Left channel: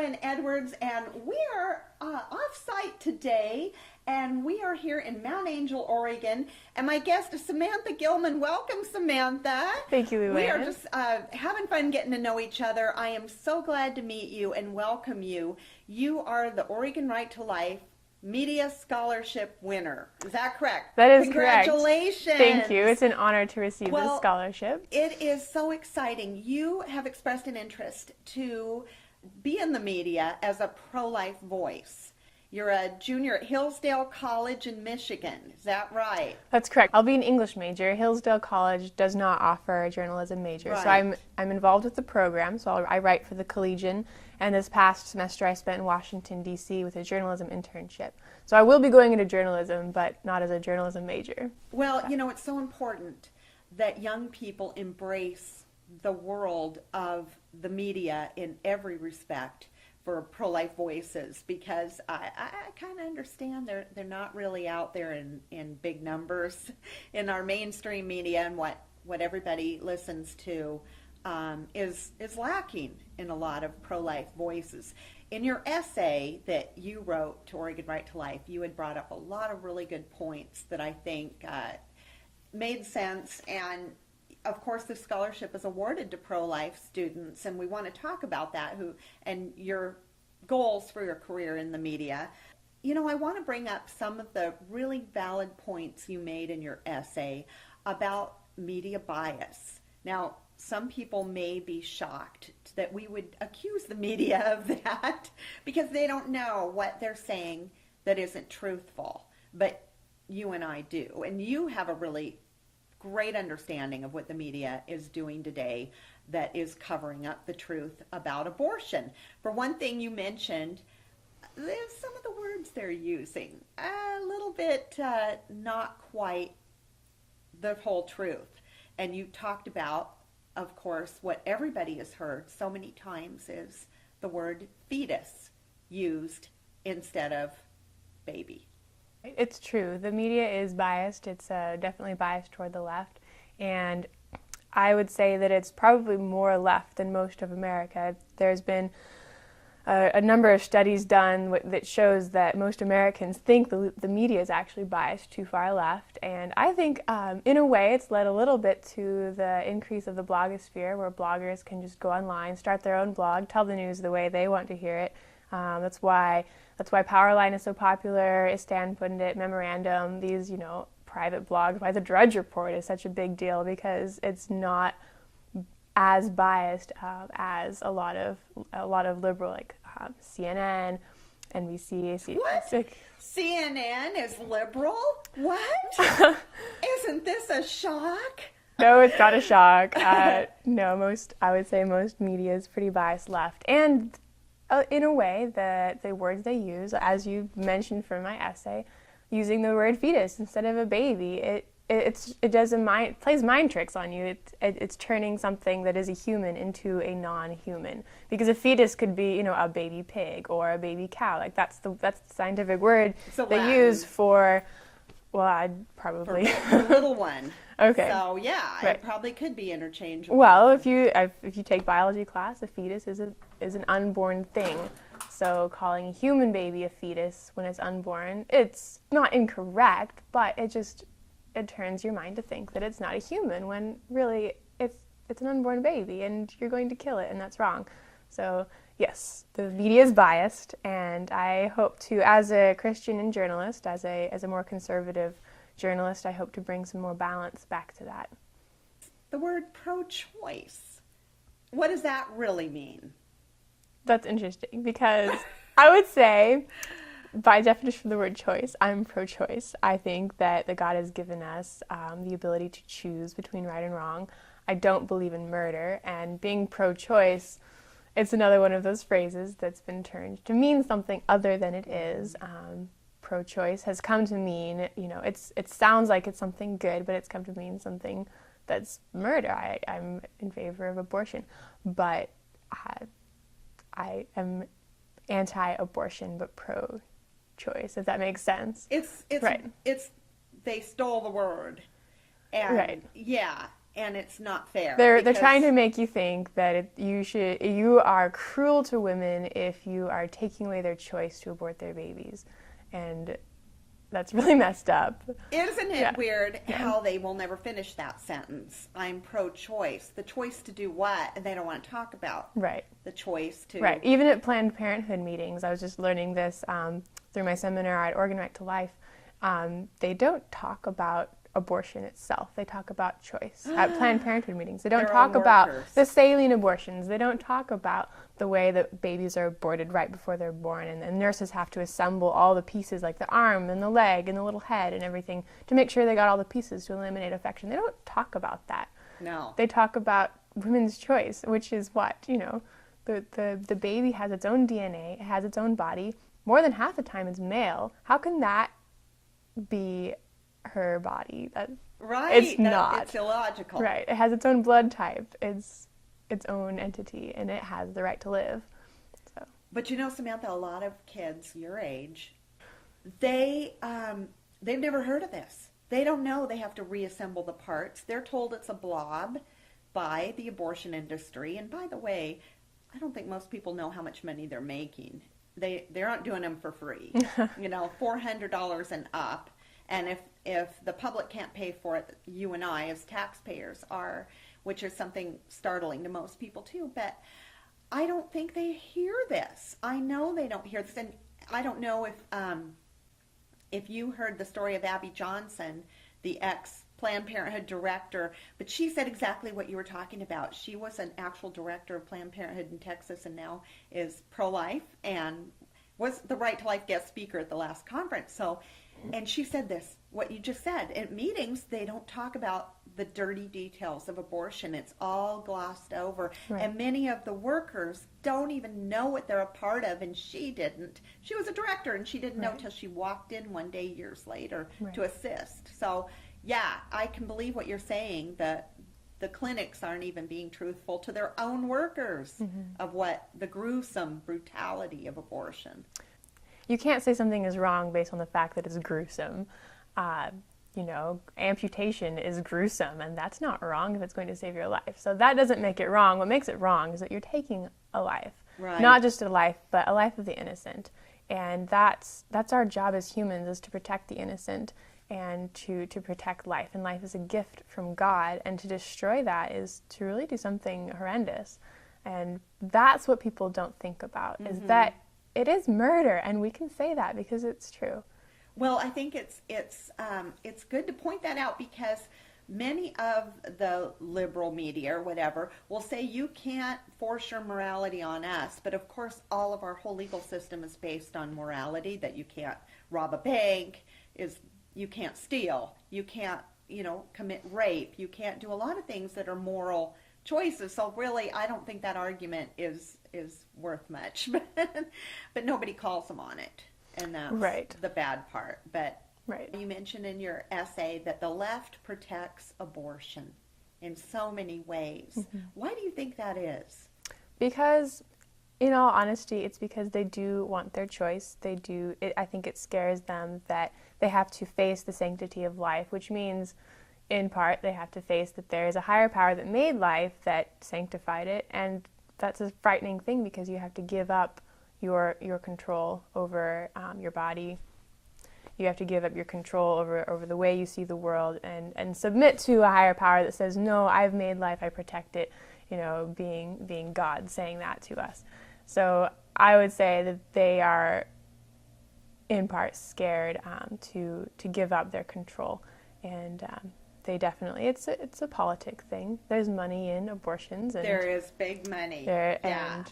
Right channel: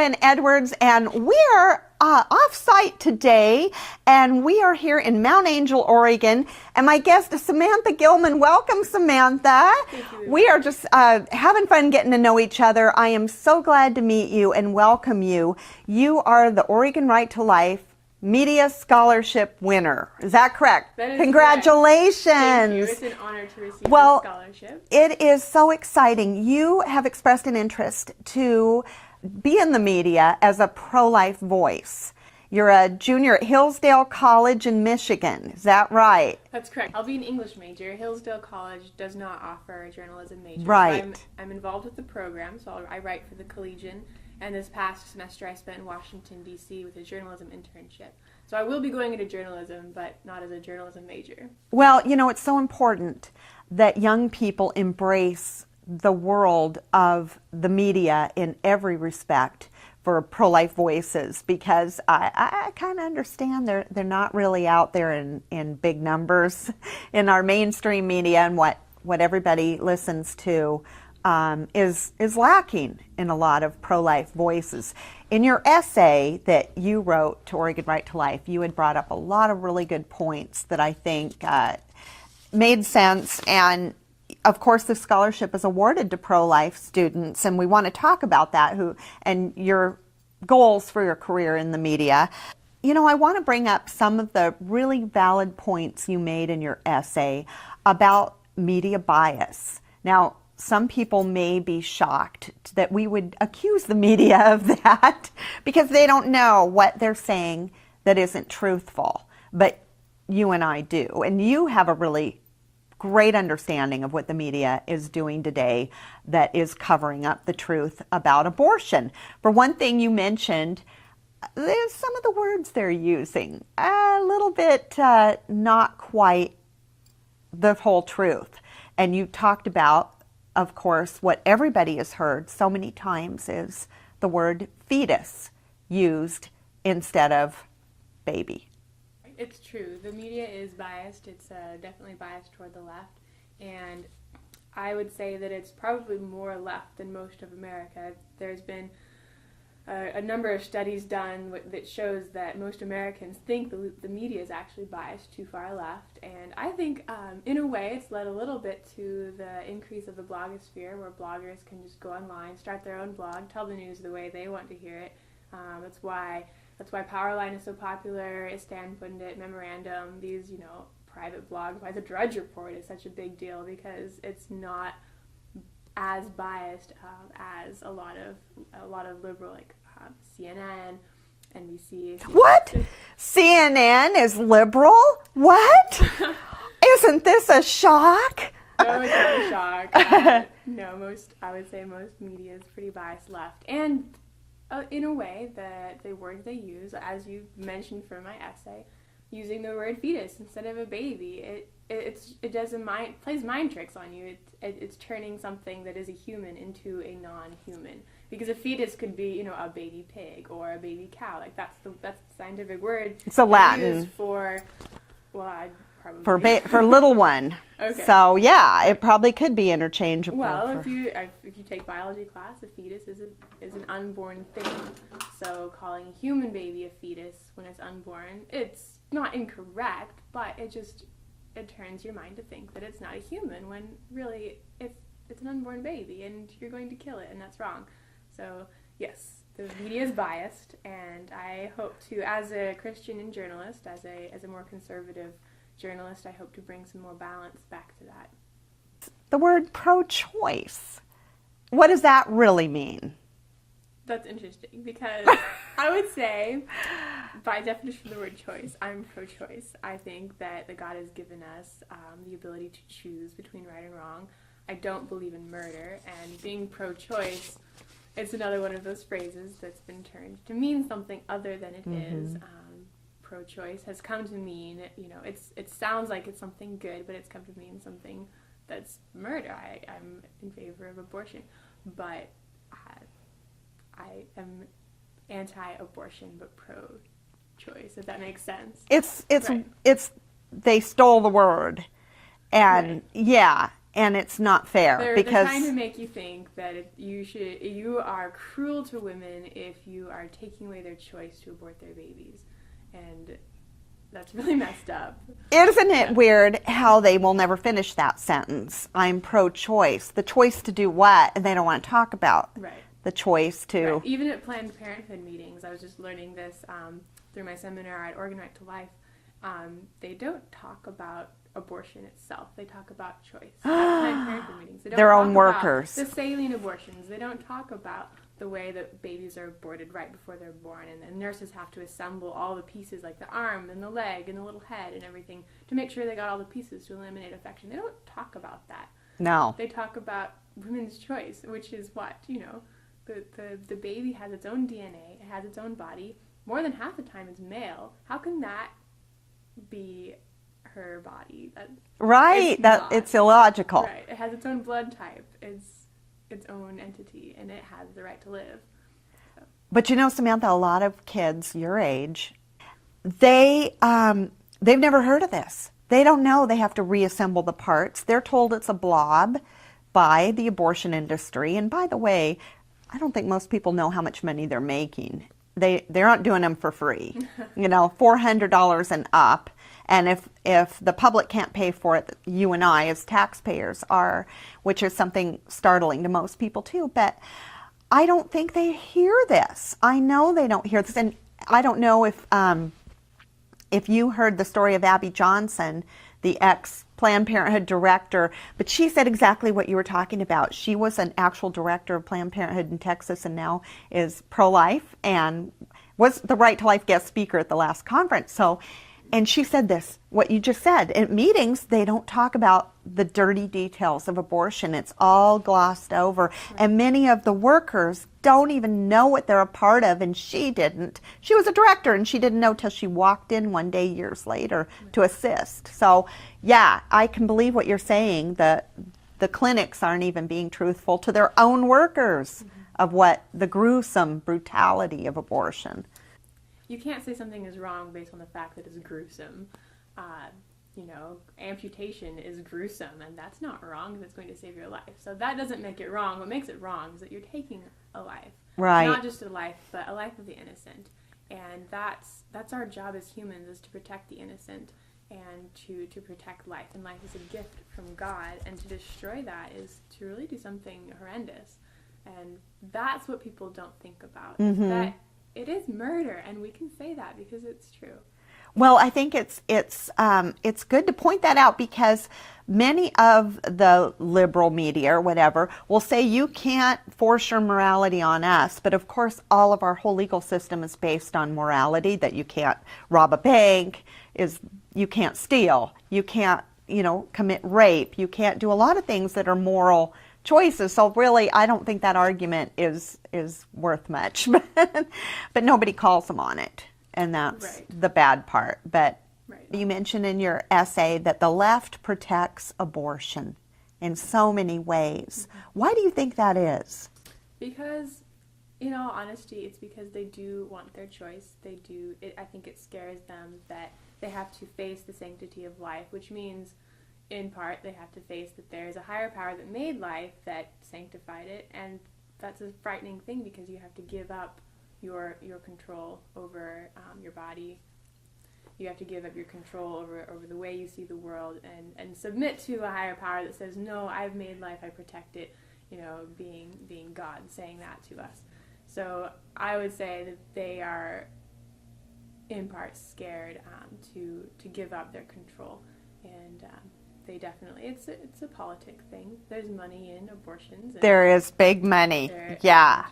Lynn Edwards, and we are off-site today, and we are here in Mount Angel, Oregon, and my guest is Samantha Gilman. Welcome, Samantha. Thank you, Lynn. We are just having fun getting to know each other. I am so glad to meet you and welcome you. You are the Oregon Right to Life Media Scholarship winner. Is that correct? That is Congratulations. Correct. Thank you. It's an honor to receive this scholarship. It is so exciting. You have expressed an interest to be in the media as a pro-life voice. You're a junior at Hillsdale College in Michigan. Is that right? That's correct. I'll be an English major. Hillsdale College does not offer a journalism major. Right. So I'm involved with the program, so I write for the Collegian. And this past semester I spent in Washington, D.C. with a journalism internship. So I will be going into journalism, but not as a journalism major. Well, you know, it's so important that young people embrace the world of the media in every respect for pro-life voices, because I kind of understand they're not really out there in big numbers in our mainstream media, and what everybody listens to is lacking in a lot of pro-life voices. In your essay that you wrote to Oregon Right to Life, you had brought up a lot of really good points that I think made sense, and of course the scholarship is awarded to pro-life students, and we want to talk about that and your goals for your career in the media. You know, I want to bring up some of the really valid points you made in your essay about media bias. Now, some people may be shocked that we would accuse the media of that because they don't know what they're saying that isn't truthful. But you and I do. And you have a really great understanding of what the media is doing today that is covering up the truth about abortion. For one thing, you mentioned there's some of the words they're using a little bit not quite the whole truth. And you talked about, of course, what everybody has heard so many times is the word fetus used instead of baby. It's true. The media is biased. It's definitely biased toward the left. And I would say that it's probably more left than most of America. There's been a number of studies done that shows that most Americans think the media is actually biased too far left. And I think, in a way, it's led a little bit to the increase of the blogosphere, where bloggers can just go online, start their own blog, tell the news the way they want to hear it. That's why Powerline is so popular, Istan Pundit, Memorandum, these, private blogs by the Drudge Report is such a big deal because it's not as biased as a lot of liberal, like CNN, NBC. What? CNN is liberal? What? Isn't this a shock? No, it's not a shock. No, I would say most media is pretty biased left. And in a way, the words they use, as you mentioned from my essay, using the word fetus instead of a baby, it plays mind tricks on you. It's turning something that is a human into a non-human. Because a fetus could be, a baby pig or a baby cow. Like that's the scientific word. It's a Latin. Used for, well, I'd probably for little one. Okay. So yeah, it probably could be interchangeable. Well, if you take biology class, a fetus is an unborn thing. So calling a human baby a fetus when it's unborn, it's not incorrect, but it turns your mind to think that it's not a human when really it's an unborn baby and you're going to kill it, and that's wrong. So yes, the media is biased, and I hope to, as a Christian and journalist, as a more conservative journalist, I hope to bring some more balance back to that. The word pro-choice, what does that really mean? That's interesting because I would say, by definition of the word choice, I'm pro-choice. I think that God has given us the ability to choose between right and wrong. I don't believe in murder, and being pro-choice, it's another one of those phrases that's been turned to mean something other than it is. Pro-choice has come to mean, it sounds like it's something good, but it's come to mean something that's murder. I'm in favor of abortion, but I am anti-abortion but pro-choice, if that makes sense. They stole the word. And right. yeah, and it's not fair. They're trying to make you think that you are cruel to women if you are taking away their choice to abort their babies, and that's really messed up. Isn't it weird how they will never finish that sentence? I'm pro-choice. The choice to do what? And they don't want to talk about the choice to. Right. Even at Planned Parenthood meetings, I was just learning this through my seminar at Organ Right to Life. They don't talk about abortion itself. They talk about choice at Planned Parenthood meetings. They don't Their talk own about workers. the saline abortions. They don't talk about the way that babies are aborted right before they're born, and nurses have to assemble all the pieces, like the arm and the leg and the little head and everything, to make sure they got all the pieces to eliminate infection. They don't talk about that. No. They talk about women's choice, which is what, the baby has its own DNA, it has its own body. More than half the time it's male. How can that be her body? It's illogical. Right. It has its own blood type. It's its own entity, and it has the right to live. So. But Samantha, a lot of kids your age, they've never heard of this. They don't know they have to reassemble the parts. They're told it's a blob by the abortion industry. And by the way, I don't think most people know how much money they're making. They aren't doing them for free. $400 and up. And if the public can't pay for it, you and I as taxpayers are, which is something startling to most people too. But I don't think they hear this. I know they don't hear this. And I don't know if you heard the story of Abby Johnson, the ex-Planned Parenthood director, but she said exactly what you were talking about. She was an actual director of Planned Parenthood in Texas and now is pro-life and was the Right to Life guest speaker at the last conference. And she said this, what you just said. At meetings, they don't talk about the dirty details of abortion. It's all glossed over. Right. And many of the workers don't even know what they're a part of, and she didn't. She was a director, and she didn't know till she walked in one day years later to assist. So, yeah, I can believe what you're saying. The clinics aren't even being truthful to their own workers of what the gruesome brutality of abortion. You can't say something is wrong based on the fact that it's gruesome. Amputation is gruesome, and that's not wrong if it's going to save your life. So that doesn't make it wrong. What makes it wrong is that you're taking a life. Right. Not just a life, but a life of the innocent. And that's our job as humans, is to protect the innocent and to protect life. And life is a gift from God, and to destroy that is to really do something horrendous. And that's what people don't think about, is that it is murder, and we can say that because it's true. Well, I think it's good to point that out, because many of the liberal media or whatever will say you can't force your morality on us, but of course all of our whole legal system is based on morality, that you can't rob a bank, you can't steal, you can't commit rape, you can't do a lot of things that are moral choices. So really, I don't think that argument is worth much. But nobody calls them on it, and that's the bad part. But you mentioned in your essay that the left protects abortion in so many ways. Why do you think that is? Because, in all honesty, it's because they do want their choice. I think it scares them that they have to face the sanctity of life, which means, in part, they have to face that there is a higher power that made life, that sanctified it, and that's a frightening thing, because you have to give up your control over your body. You have to give up your control over the way you see the world, and submit to a higher power that says, no, I've made life, I protect it, being God saying that to us. So I would say that they are, in part, scared to give up their control, and they definitely, it's a politic thing. There's money in abortions. There is big money. Yeah.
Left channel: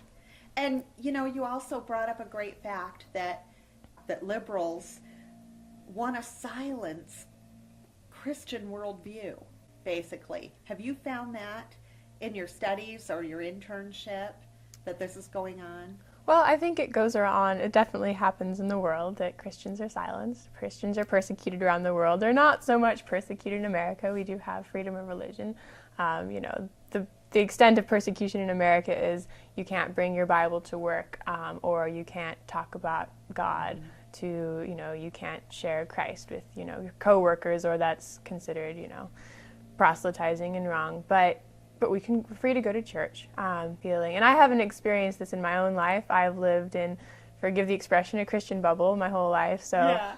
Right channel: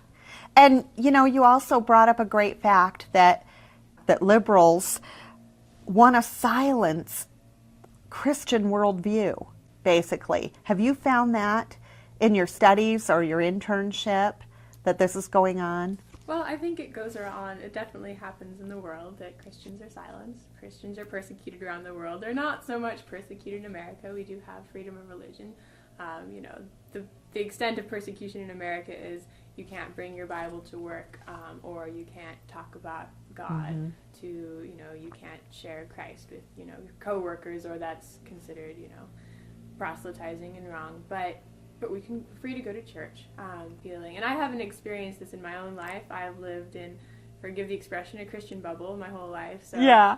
And you also brought up a great fact that liberals want to silence Christian worldview, basically. Have you found that in your studies or your internship, that this is going on? Well, I think it goes around. It definitely happens in the world that Christians are silenced. Christians are persecuted around the world. They're not so much persecuted in America. We do have freedom of religion. The extent of persecution in America is you can't bring your Bible to work, or you can't talk about God you can't share Christ with, your coworkers, or that's considered, proselytizing and wrong, but we're free to go to church, feeling. And I haven't experienced this in my own life. I've lived in, forgive the expression, a Christian bubble my whole life. So I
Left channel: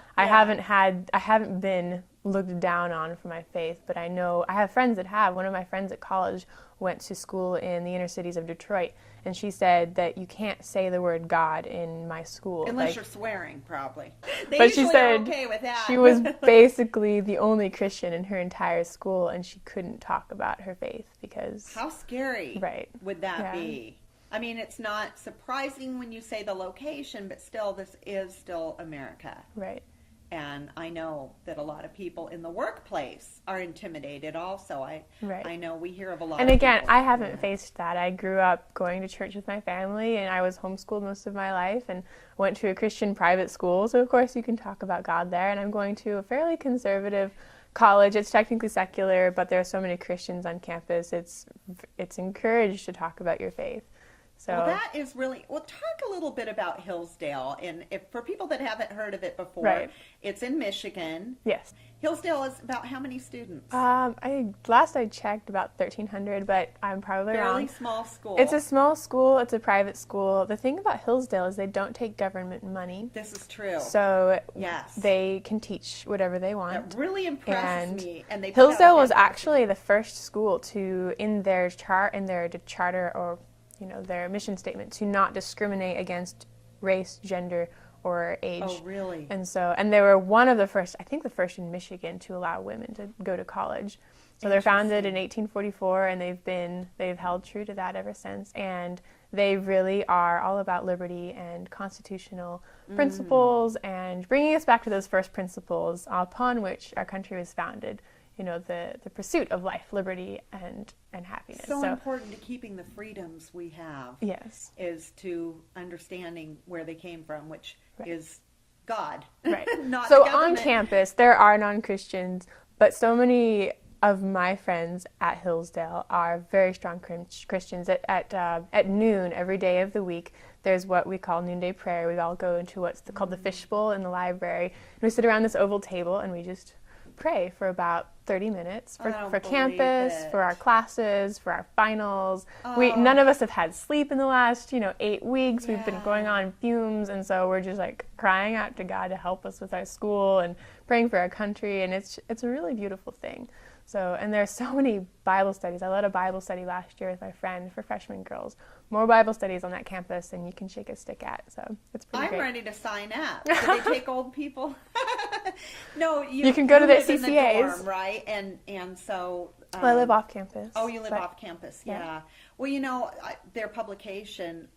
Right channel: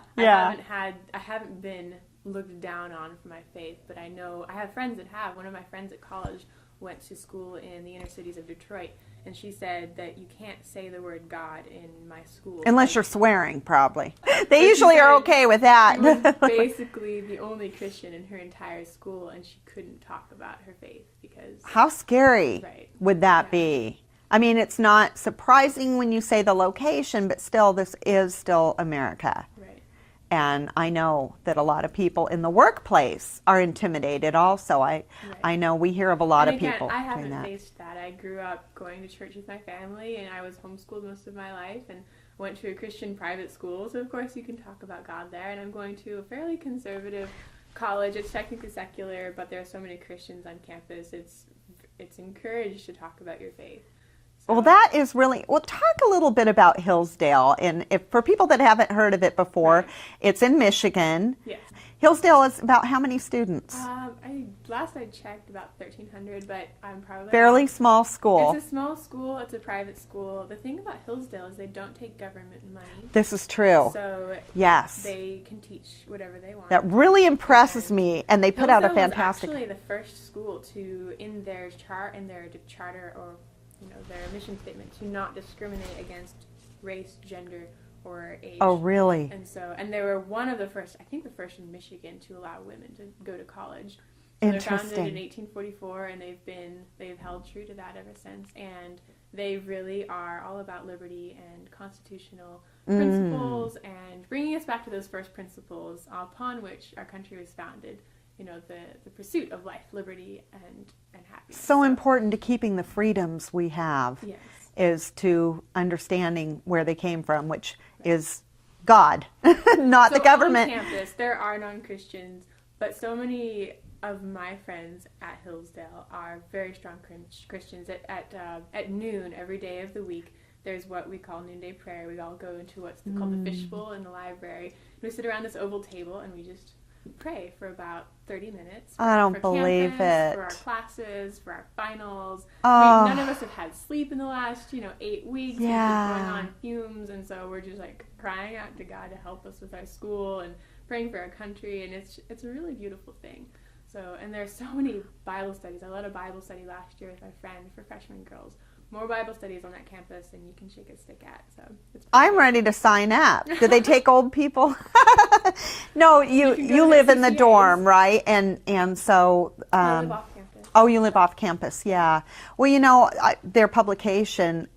haven't been looked down on for my faith, but I know I have friends that have. One of my friends at college went to school in the inner cities of Detroit, and she said that you can't say the word God in my school. Unless you're swearing, probably. They usually are okay with that. She was basically the only Christian in her entire school, and she couldn't talk about her faith because... How scary would that be? I mean, it's not surprising when you say the location, but still, this is still America. Right. And I know that a lot of people in the workplace are intimidated also. I know we hear of a lot of people. And again, I haven't faced that. I grew up going to church with my family, and I was homeschooled most of my life and went to a Christian private school. So, of course, you can talk about God there. And I'm going to a fairly conservative college. It's technically secular, but there are so many Christians on campus. It's encouraged to talk about your faith. So. Well, that is really, well, talk a little bit about Hillsdale. And if for people that haven't heard of it before, it's in Michigan. Yes. Hillsdale is about how many students? Last I checked, about 1,300, but I'm probably fairly wrong. Small school. It's a small school. It's a private school. The thing about Hillsdale is they don't take government money. This is true. So yes, they can teach whatever they want. That really impresses me. And they put Hillsdale out a was fantastic... actually the first school to, in their charter or their mission statement, to not discriminate against race, gender, or age. Oh, really? And they were one of the first, I think the first in Michigan, to allow women to go to college. So they're founded in 1844, and they've held true to that ever since. And they really are all about liberty and constitutional principles and bringing us back to those first principles upon which our country was founded. The pursuit of life, liberty, and happiness. So important to keeping the freedoms we have. Yes. Is to understanding where they came from, which is God, not the government. So on campus, there are non-Christians, but so many of my friends at Hillsdale are very strong Christians. At noon every day of the week, there's what we call noonday prayer. We all go into what's called the fishbowl in the library. And we sit around this oval table and we just pray for about 30 minutes for campus, for our classes, for our finals. None of us have had sleep in the last 8 weeks. We've been going on fumes, and so we're just like crying out to God to help us with our school and praying for our country, and it's a really beautiful thing. So, and there's so many Bible studies. I led a Bible study last year with my friend for freshman girls. More Bible studies on that campus than you can shake a stick at. So it's I'm ready to sign up. Do they take old people? No, you live in the dorm, right? And so I live off campus. Oh, you live off campus, yeah. Well, their publication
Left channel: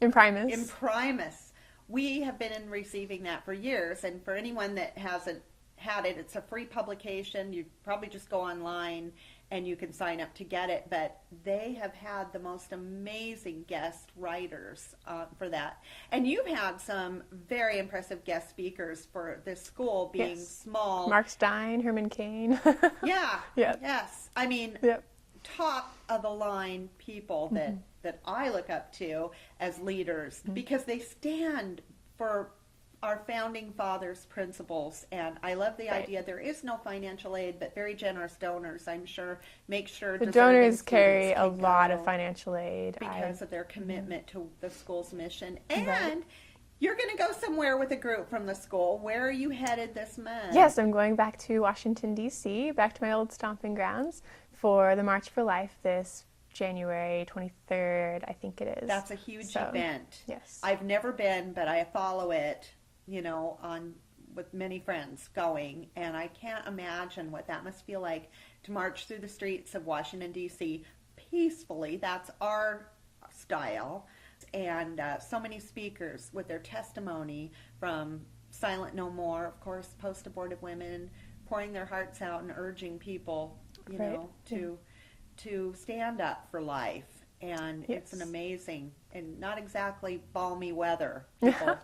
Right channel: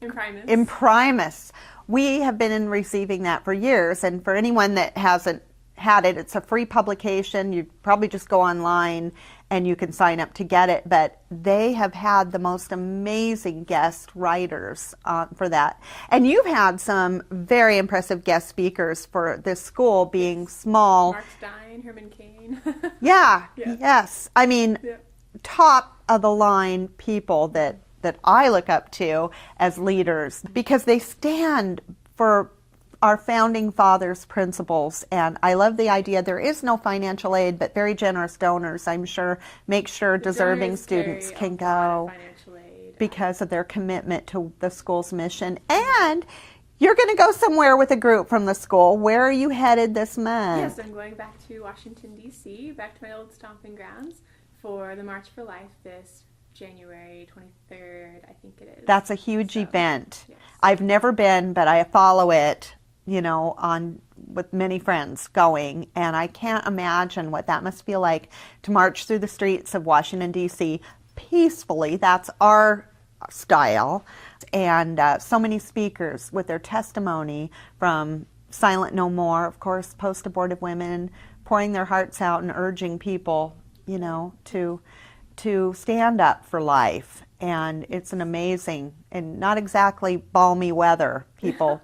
Imprimis. We have been receiving that for years, and for anyone that hasn't had it, it's a free publication. You probably just go online and you can sign up to get it, but they have had the most amazing guest writers for that. And you've had some very impressive guest speakers for this school, being small. Mark Stein, Herman Cain. Yes. I mean, top of the line people that I look up to as leaders, because they stand for our founding fathers' principles. And I love the idea there is no financial aid, but very generous donors, I'm sure, make sure deserving students can go. A lot of financial aid because of their commitment to the school's mission. And you're going to go somewhere with a group from the school. Where are you headed this month? Yes, I'm going back to Washington, D.C., back to my old stomping grounds for the March for Life this January 23rd, I think it is. That's a huge event. Yes. I've never been, but I follow it, with many friends going, and I can't imagine what that must feel like to march through the streets of Washington, D.C. peacefully. That's our style. And so many speakers with their testimony, from Silent No More, of course, post-abortive women, pouring their hearts out and urging people, to stand up for life. And it's an amazing and not exactly balmy weather. People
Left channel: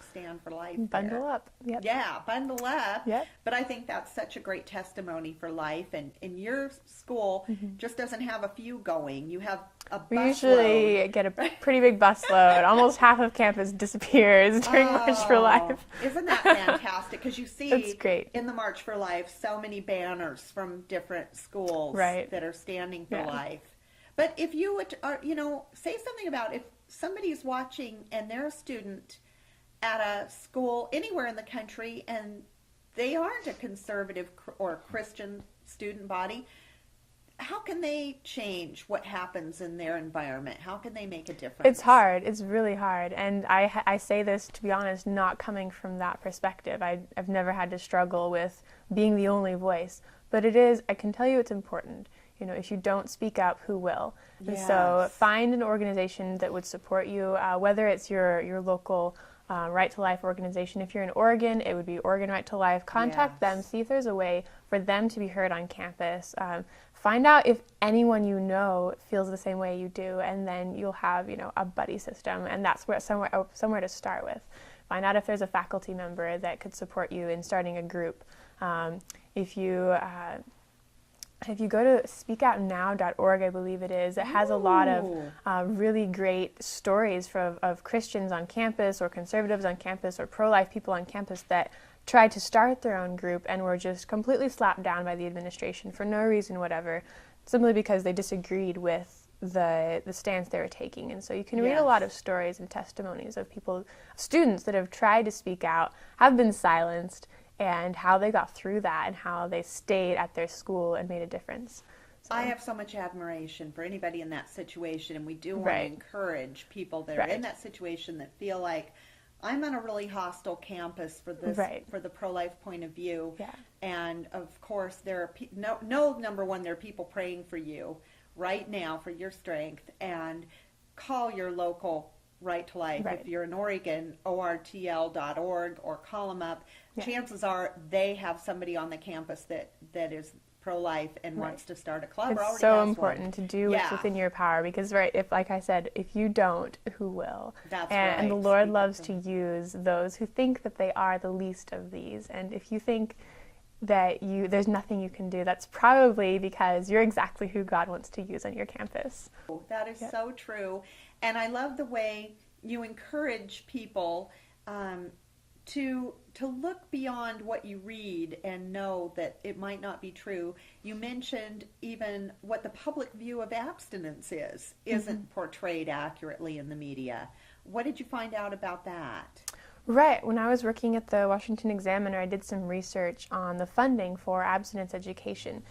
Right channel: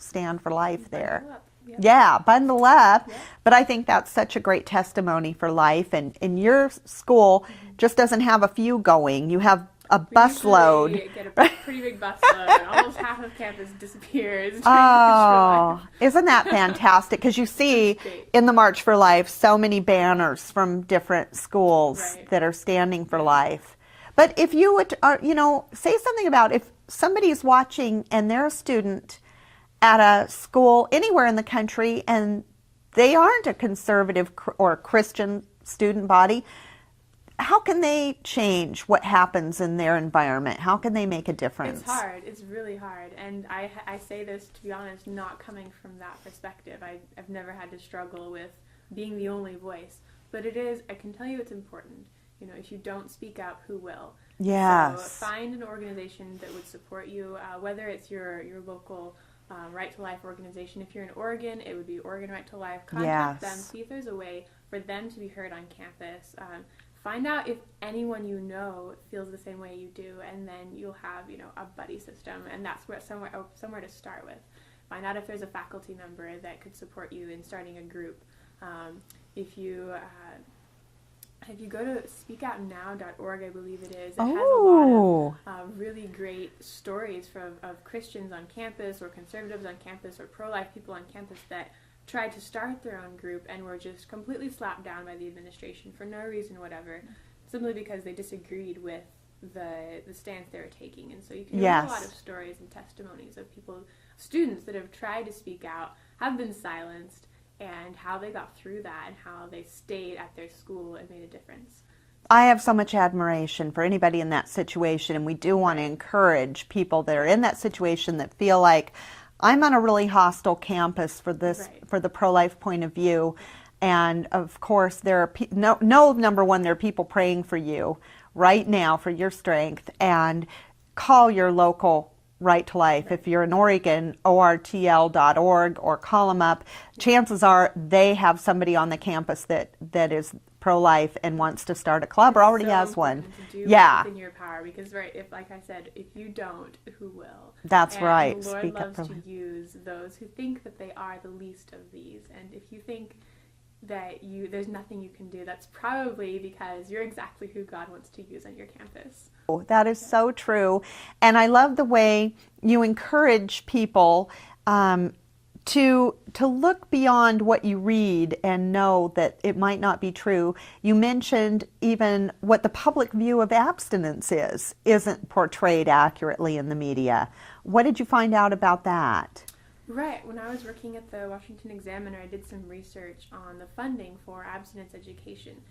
stand for life there. Bundle up. Yep. Yeah, bundle up. Yep. But I think that's such a great testimony for life. And your school just doesn't have a few going. You have A We busload. usually get a pretty big busload. Almost half of campus disappears during March for Life. Isn't that fantastic? Because you see That's great. in the March for Life so many banners from different schools Right. that are standing for Yeah. life. But if you would, say something about if somebody's watching and they're a student at a school anywhere in the country and they aren't a conservative or Christian student body, how can they change what happens in their environment? How can they make a difference? It's hard. It's really hard. And I say this, to be honest, not coming from that perspective. I've never had to struggle with being the only voice. But I can tell you it's important. If you don't speak up, who will? Yes. So find an organization that would support you, whether it's your local Right to Life organization. If you're in Oregon, it would be Oregon Right to Life. Contact them, see if there's a way for them to be heard on campus. Find out if anyone you know feels the same way you do, and then you'll have, a buddy system, and that's somewhere to start with. Find out if there's a faculty member that could support you in starting a group. If you go to speakoutnow.org, I believe it is, it has a lot of really great stories of Christians on campus or conservatives on campus or pro-life people on campus that tried to start their own group and were just completely slapped down by the administration for no reason whatever, simply because they disagreed with the stance they were taking. And so you can read a lot of stories and testimonies of students that have tried to speak out, have been silenced, and how they got through that and how they stayed at their school and made a difference. I have so much admiration for anybody in that situation, and we do want to encourage people that are in that situation that feel like, I'm on a really hostile campus for this, for the pro-life point of view. Yeah. And of course, there are number one, there are people praying for you right now for your strength, and call your local Right to Life. If you're in Oregon, ortl.org, or call them up. Chances are they have somebody on the campus that is pro-life and wants to start a club or already has one. It's so important to do what's within your power, because like I said, if you don't, who will? That's right. And the Lord loves to use those who think that they are the least of these. And if you think that there's nothing you can do, that's probably because you're exactly who God wants to use on your campus. That is so true. And I love the way you encourage people to look beyond what you read and know that it might not be true. You mentioned even what the public view of abstinence isn't portrayed accurately in the media. What did you find out about that? Right. When I was working at the Washington Examiner, I did some research on the funding for abstinence education.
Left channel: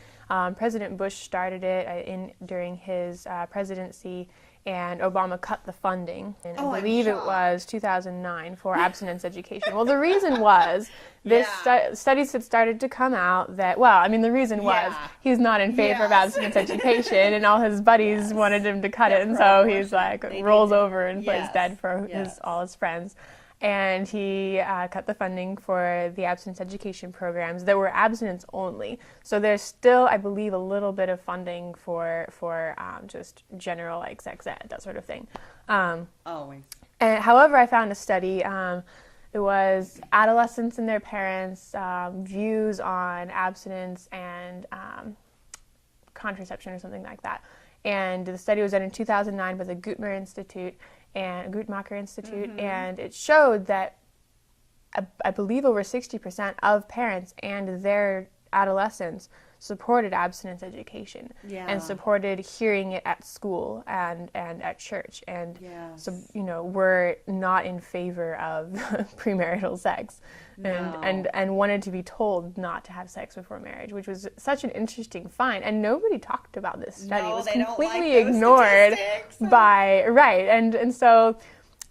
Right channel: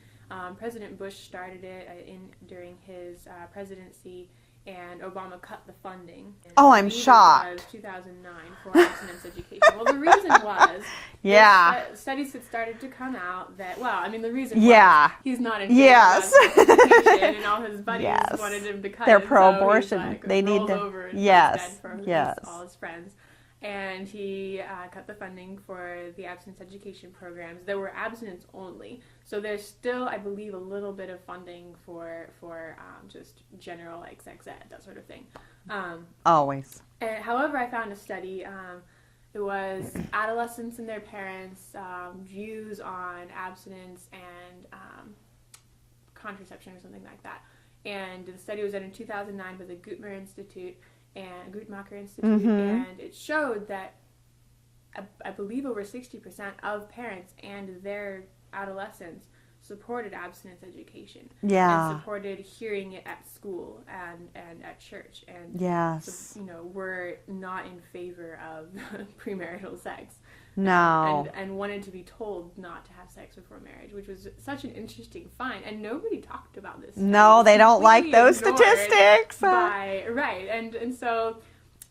President Bush started it during his presidency, and Obama cut the funding. I'm shocked. It was 2009 for abstinence education. Well, the reason was studies had started to come out that, the reason was he's not in favor of abstinence education, and all his buddies wanted him to cut it, and so he's like, rolls over and plays dead for all his friends. And he cut the funding for the abstinence education programs that were abstinence only. So there's still, I believe, a little bit of funding for just general, like sex ed, that sort of thing. Always. And, however, I found a study. It was adolescents and their parents' views on abstinence and contraception or something like that. And the study was done in 2009 by the Guttmacher Institute, and it showed that I believe over 60% of parents and their adolescents supported abstinence education and supported hearing it at school and at church, and were not in favor of premarital sex. And wanted to be told not to have sex before marriage, which was such an interesting find. And nobody talked about this study. No, they don't like those statistics. And so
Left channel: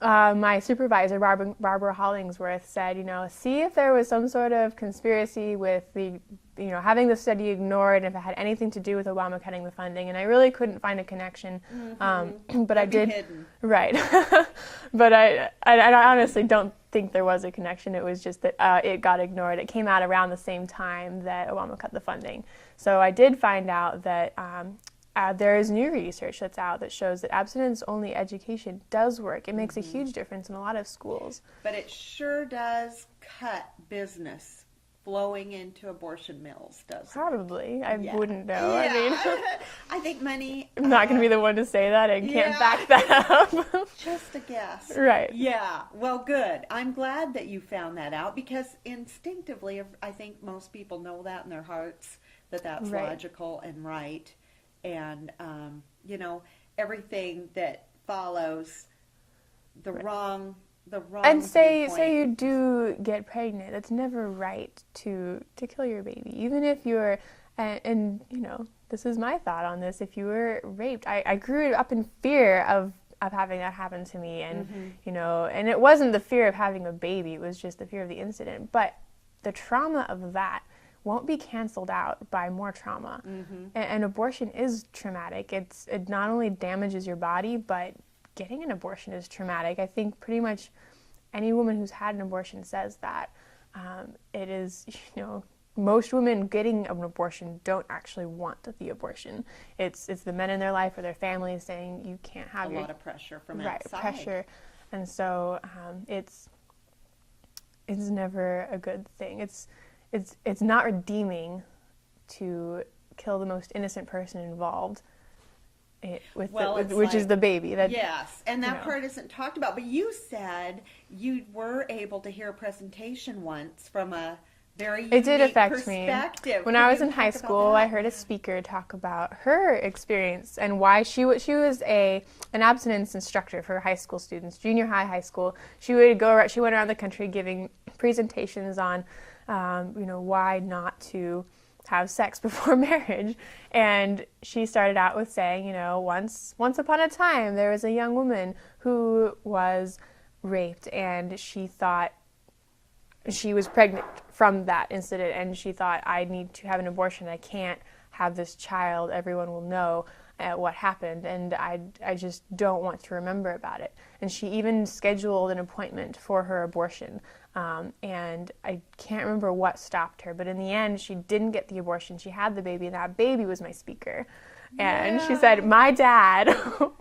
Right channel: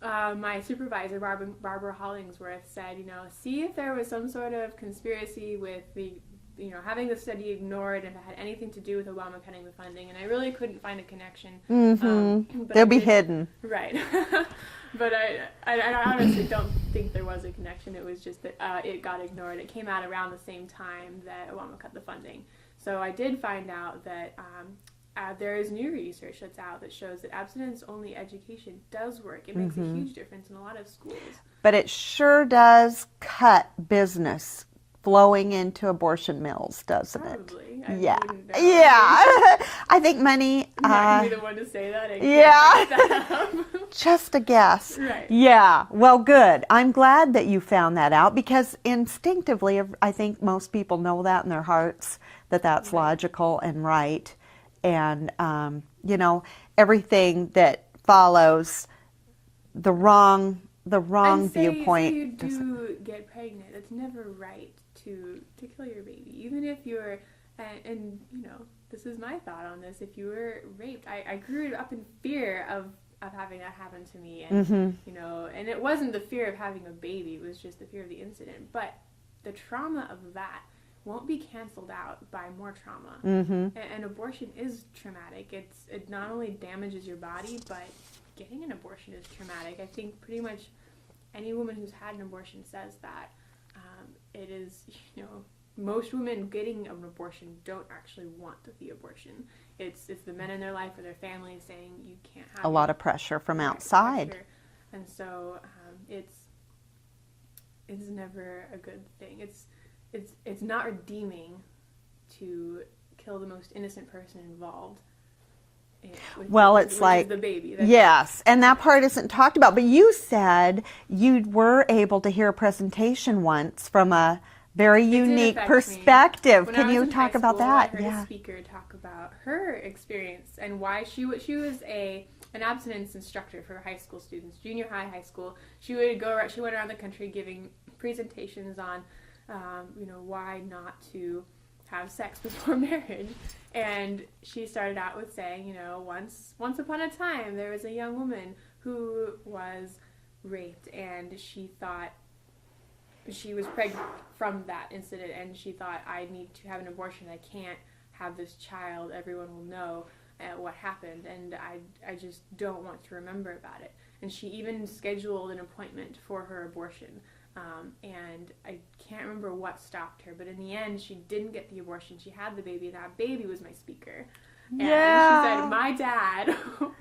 my supervisor, Barbara Hollingsworth, said, see if there was some sort of conspiracy with having the study ignored, and if it had anything to do with Obama cutting the funding. And I really couldn't find a connection. But they'll be hidden. Right. But I honestly don't think there was a connection. It was just that it got ignored. It came out around the same time that Obama cut the funding. So I did find out that there is new research that's out that shows that abstinence-only education does work. It makes a huge difference in a lot of schools. But it sure does cut business flowing into abortion mills, doesn't it? Probably. I Yeah. wouldn't know. Yeah. I mean, I think money. I'm not going to be the one to say that. I yeah. can't back that up. Just a guess. Right. Yeah. Well, good. I'm glad that you found that out, because instinctively, I think most people know that in their hearts, that that's Right. logical and right. And, you know, everything that follows the wrong And say viewpoint. you do get pregnant, it's never right to kill your baby, even if you're, and you know, this is my thought on this. If you were raped, I grew up in fear of having that happen to me, and you know, and it wasn't the fear of having a baby; it was just the fear of the incident. But the trauma of that won't be canceled out by more trauma. And abortion is traumatic. It not only damages your body, but getting an abortion is traumatic. I think pretty much any woman who's had an abortion says that. It is, you know, most women getting an abortion don't actually want the abortion. It's the men in their life or their family saying you can't have A lot of pressure from outside. pressure. And so it's never a good thing. It's not redeeming to kill the most innocent person involved. Which is the baby. Yes, and that part isn't talked about. But you said you were able to hear a presentation once from a very unique perspective. When Can I was you in talk high about school, that? I heard a speaker talk about her experience and why she was an abstinence instructor for high school students, junior high, high school. She went around the country giving presentations on, you know, why not to have sex before marriage. And she started out with saying, you know, once upon a time there was a young woman who was raped, and she thought she was pregnant from that incident, and she thought, I need to have an abortion. I can't have this child. Everyone will know what happened, and I just don't want to remember about it. And she even scheduled an appointment for her abortion. And I can't remember what stopped her, but in the end, she didn't get the abortion. She had the baby, and that baby was my speaker. And she said, my dad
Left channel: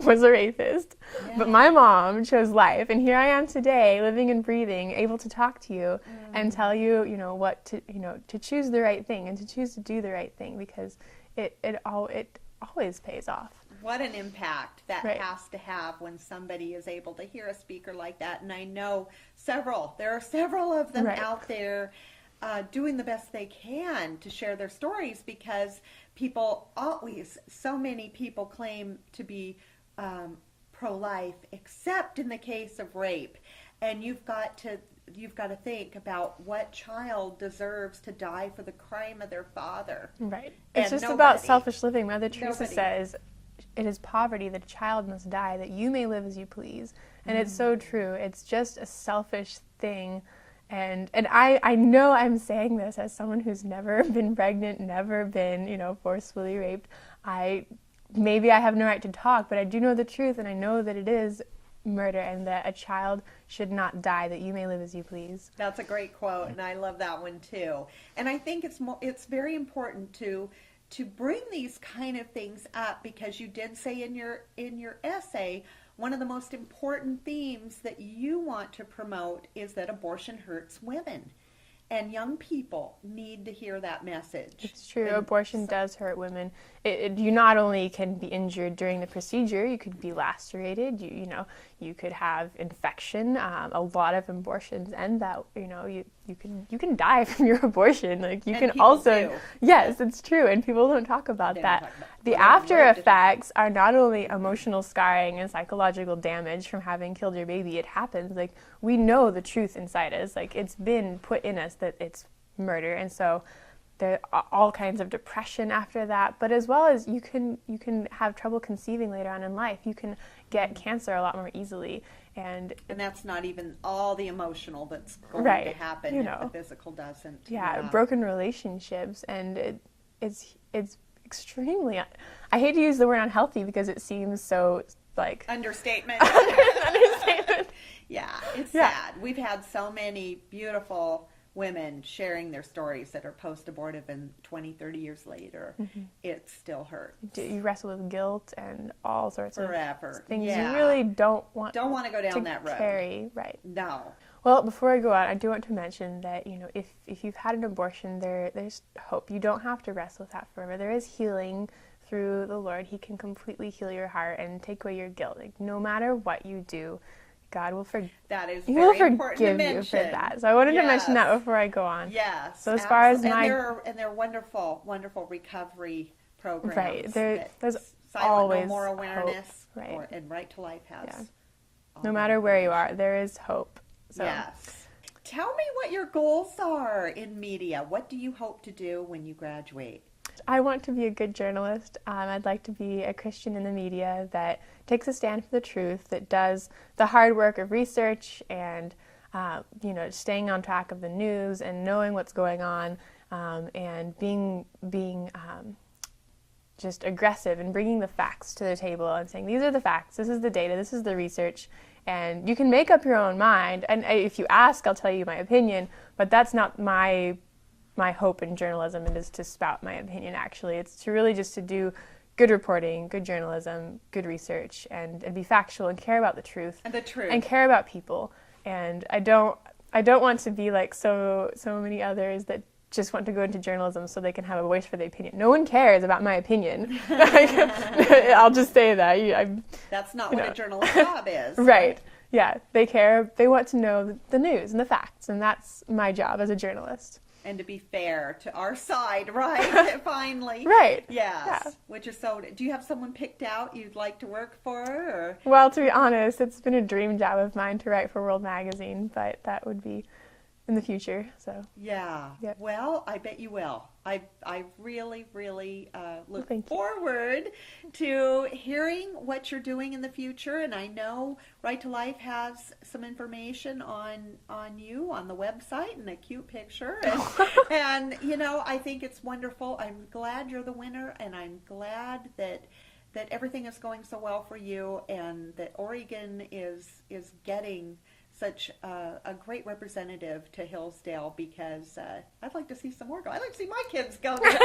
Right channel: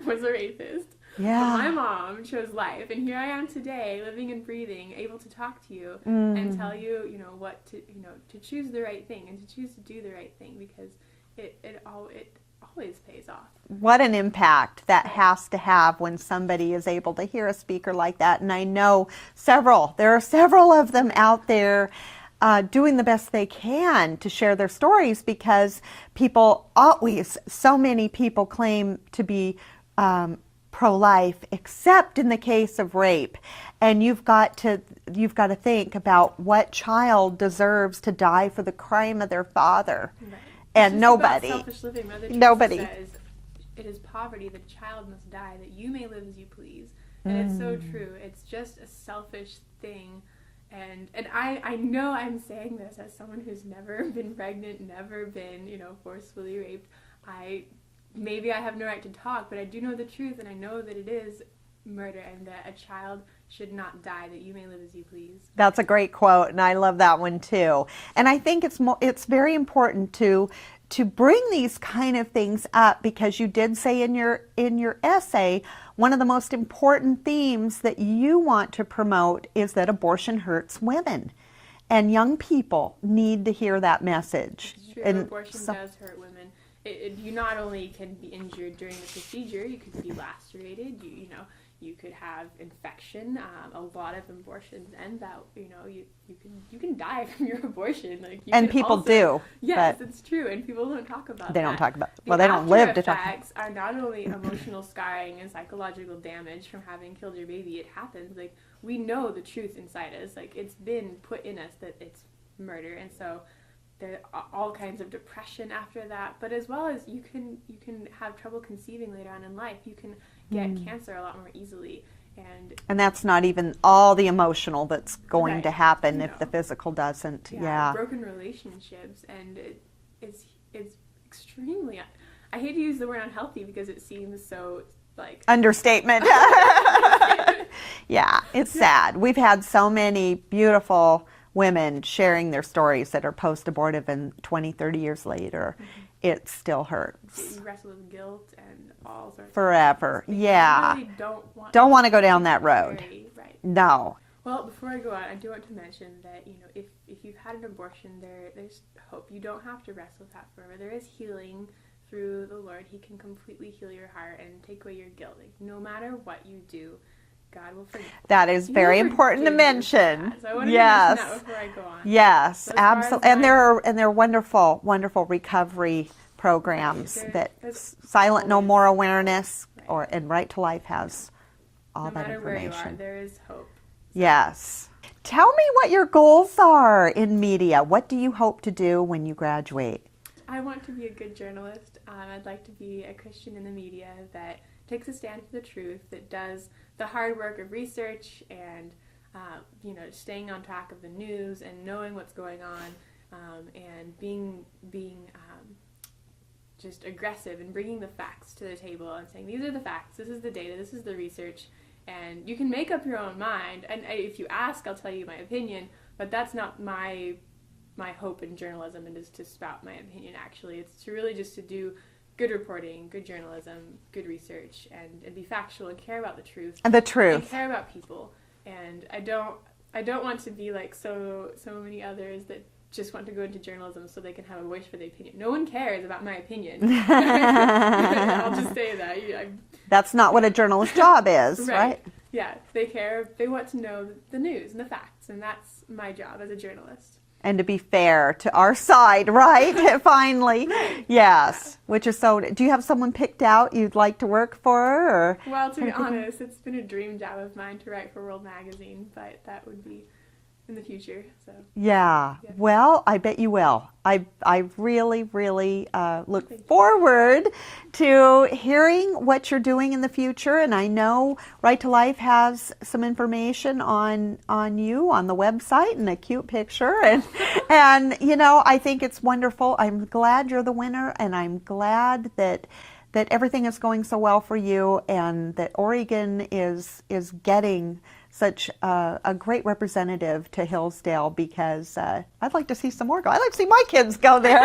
was a rapist, but my mom chose life. And here I am today, living and breathing, able to talk to you and tell you, you know, what to, you know, to choose the right thing and to choose to do the right thing, because it always pays off. What an impact that has to have when somebody is able to hear a speaker like that. And I know there are several of them out there doing the best they can to share their stories, because so many people claim to be pro-life, except in the case of rape. And you've got to think about what child deserves to die for the crime of their father. Right. And it's just nobody. About selfish living. Mother Teresa says, it is poverty that a child must die, that you may live as you please. And it's so true. It's just a selfish thing. And I know I'm saying this as someone who's never been pregnant, never been, you know, forcefully raped. Maybe I have no right to talk, but I do know the truth, and I know that it is murder, and that a child should not die, that you may live as you please. That's a great quote, and I love that one too. And I think it's very important to bring these kind of things up, because you did say in your essay, one of the most important themes that you want to promote is that abortion hurts women. And young people need to hear that message. It's true. Abortion does hurt women. You not only can be injured during the procedure, you could be lacerated. You could have infection. A lot of abortions end that. You can die from your abortion. People do. Yes, it's true, and people don't talk about that. They don't talk about it. The after effects are not only emotional scarring and psychological damage from having killed your baby. It happens. We know the truth inside us. It's been put in us that it's murder, and so there are all kinds of depression after that, but as well as you can have trouble conceiving later on in life. You can get cancer a lot more easily, and that's not even all the emotional that's going to happen if the physical doesn't. Broken relationships, and it's extremely. I hate to use the word unhealthy because it seems so understatement. Yeah, it's sad. We've had so many beautiful women sharing their stories that are post-abortive, and 20, 30 years later, it still hurts. You wrestle with guilt and all sorts forever. of things Yeah. you really don't want to go down that road. Right. No. Well, before I go on, I do want to mention that, if you've had an abortion, there's hope. You don't have to wrestle with that forever. There is healing through the Lord. He can completely heal your heart and take away your guilt. Like, no matter what you do, God will forgive. That is very important to mention. So I wanted to mention that before I go on. Yes, so absolutely. And there are wonderful, wonderful recovery programs that Silent No More Awareness and Right to Life has. All no matter where you are, there is hope. So. Yes. Tell me what your goals are in media. What do you hope to do when you graduate? I want to be a good journalist. I'd like to be a Christian in the media that takes a stand for the truth, that does the hard work of research and staying on track of the news and knowing what's going on, and being just aggressive and bringing the facts to the table and saying, these are the facts, this is the data, this is the research, and you can make up your own mind. And if you ask, I'll tell you my opinion, but that's not my hope in journalism. It is to spout my opinion, actually. It's to really just to do good reporting, good journalism, good research, and be factual and care about the truth. And the truth. And care about people. And I don't want to be like so many others that just want to go into journalism so they can have a voice for their opinion. No one cares about my opinion. I'll just say that. That's not what a journalist's job is, right? Yeah, they care. They want to know the news and the facts, and that's my job as a journalist. And to be fair to our side, right? Finally. Right. Yes. Yeah. Which is so. Do you have someone picked out you'd like to work for? Or? Well, to be honest, it's been a dream job of mine to write for World Magazine, but that would be in the future. So. Yeah. Yep. Well, I bet you will. I really, really look forward to hearing what you're doing in the future. And I know Right to Life has some information on you on the website and a cute picture. And I think it's wonderful. I'm glad you're the winner, and I'm glad that everything is going so well for you, and that Oregon is getting such a great representative to Hillsdale, because I'd like to see some more go. I'd like to see my kids go there.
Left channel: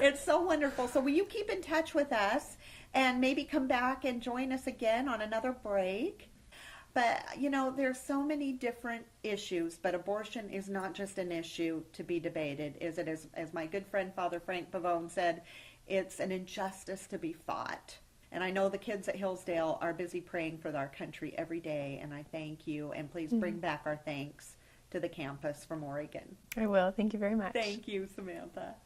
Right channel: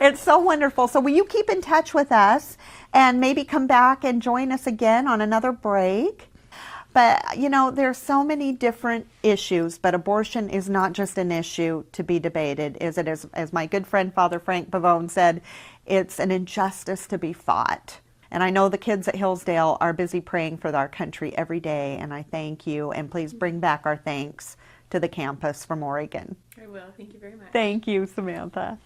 It's so wonderful. So will you keep in touch with us and maybe come back and join us again on another break? But, there's so many different issues, but abortion is not just an issue to be debated, is it? As my good friend Father Frank Pavone said, it's an injustice to be fought. And I know the kids at Hillsdale are busy praying for our country every day, and I thank you. And please bring back our thanks to the campus from Oregon. I will. Thank you very much. Thank you, Samantha.